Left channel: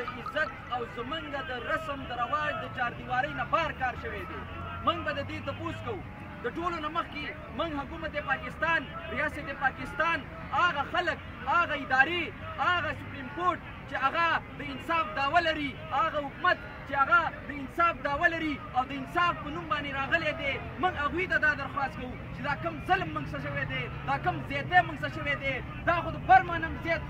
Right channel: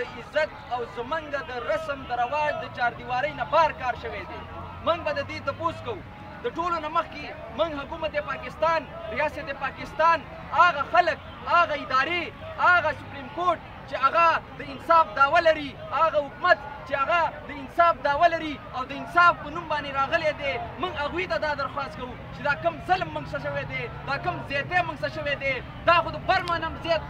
د عزت او زمونږ د رسم د رواج د چاردیوارۍ نه بار کار شوی دی. موږ به د دې تپوس کوو د ټولو نه مخکې موږ حکومت پاکستان، ریاست پاکستان، هغه خلک، هغه ادارې، هغه سپریم کورټ چې هغه د انصاف دعوه لري، هغه حکومت چې هغه د انصاف دعوه لري او د انصاف په نوم باندې راغلی دی، موږ هغوی ته دا درخواست کوو چې دا کم ظلم موږ څه شوی دی، دا کم زیاتی موږ څه شوی دی، دا خو د برما نه هم زیات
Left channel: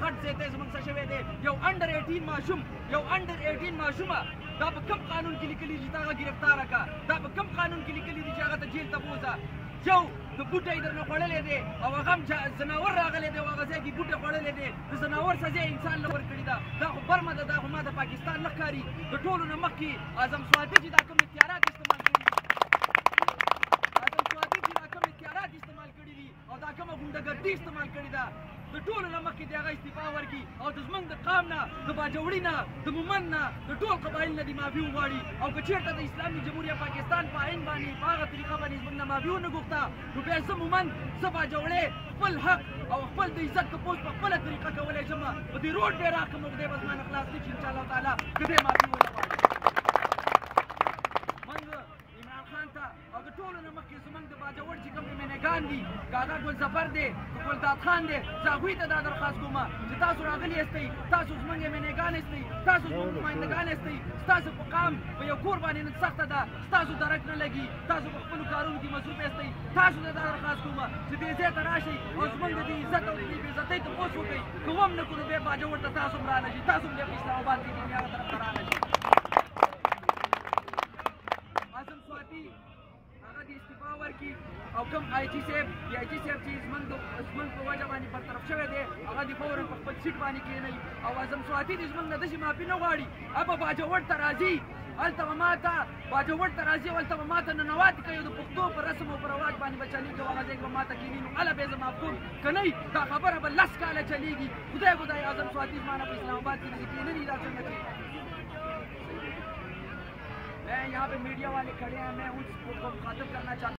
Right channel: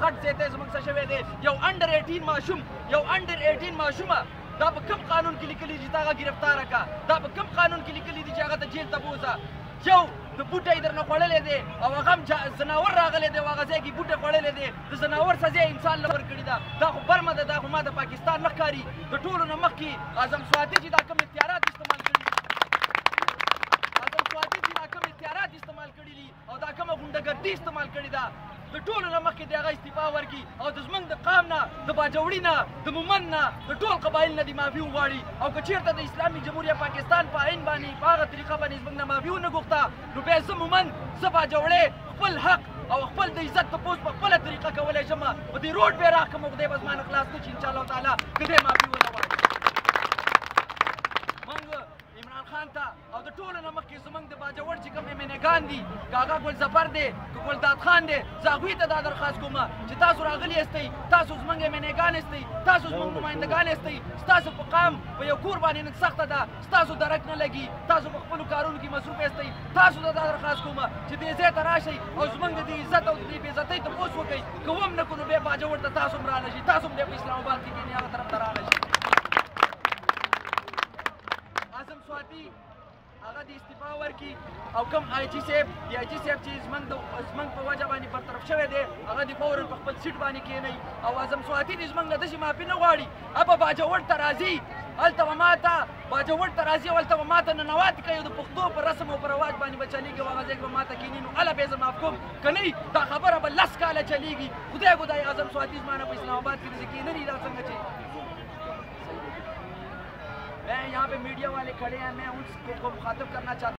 غټ زیاتی زموږ څه شوی دی. یو انډر 18 ماشوم، یو انډر 18 ماشومه دا په کوم قانون کې لیکلي چې تا هغه ګرفتاره کړه؟ دا په کوم قانون کې لیکلي دي چې هغه ته جیل ته بوځه؟ یو د بوټی درنه خوړلی دی او هغه هم ځناور راغلی دی او هغه ځای کې بوټی خوړلی دی، د ځناور سزا انسان له ورکړې ده. دا خو برمه ده، دا خو ما د پاکستان نه ښکاري. د ټولو نه مخکې اعظم سواتي چې دا کوم اختیارات استعمال کړي دي، اعظم سواتي چې دا کوم اختیارات استعمال کړي دي او دا کومه غونډهګردي استعمال کړې ده، د ټولو نه مخکې د هغه استعفا ورکړي او د زموږ د قام نه، د باجوړي نه، د مومند نه، د ټول قبایل نه دې معافي وغواړي. او که چېرته د اسلامي جمهوریه پاکستان په عین باندې په هغه طریقه باندې زموږ نه معافي ونه غوښته، نو بیا زه مومند، زه باجوړی خپل حق او خپل د عزت تپوس په خپله طریقه کولی شم. په دې روډ بیا راکړم او خدای به زما نه خلاص نه کړي انشاءالله تعالی که دې معافي ونه غواړي. موږ عمران خان ته او د ټولو نه مخکې زموږ د باجوړ چې کوم امیینګان دي، که هغه ګلظفر دی، که ګلداد خان دی، زه هغوی ته دا درخواست کوم چې تاسو راغلي یاستئ، تاسو زموږ امیینګان یاستئ، تاسو زموږ نمایندګان یاستئ، ستاسو په قام په یو کور باندې نن سخته ده، ستاسو درک نه لګي، تاسو په خپلو کارونو کې مصروف یاستئ، تاسو ته دا درخواست کوم چې دې ځای ته راشئ او زموږ د دې عزت او د دې بې عزتۍ تپوس وکئ. که هم نه کړو نو بیا باجوړ ته تاسو هم رانه شئ، تاسو هم بیا په اسلام آباد کې کښېنئ، هغه طرف ته رانه شئ. اعظم سواتي هغه د استعفا ورکړي او کوم آی جي صاحب د آی جي صاحب چې زموږ په وجه باندې برطرف شوی دی، هغه د فوراً په خپل سیټ باندې کښېنئ. او اعظم سواتي د زموږ نه داسې معافي نه غواړي، هغه باجوړ ته راځي، هلته به ما ته باجوړ ته راځي او هلته به ما ته ننواتې کوي، د پښتو په رسم او په رواج باندې به چلېږي او هغه ځای کې به ما ته کښېني، نو هله به یې زه معاف کوم. که نه دا خبره به 10 کاله چلېږي. خدای خدای اعظم سواتي زما نه په اسلام آباد کې داسې کښېنني، دا څنګه چې मैं यहाँ पे मीडिया वाले खड़े हैं, मैं उनको मुखातिब करना चाहता हूँ.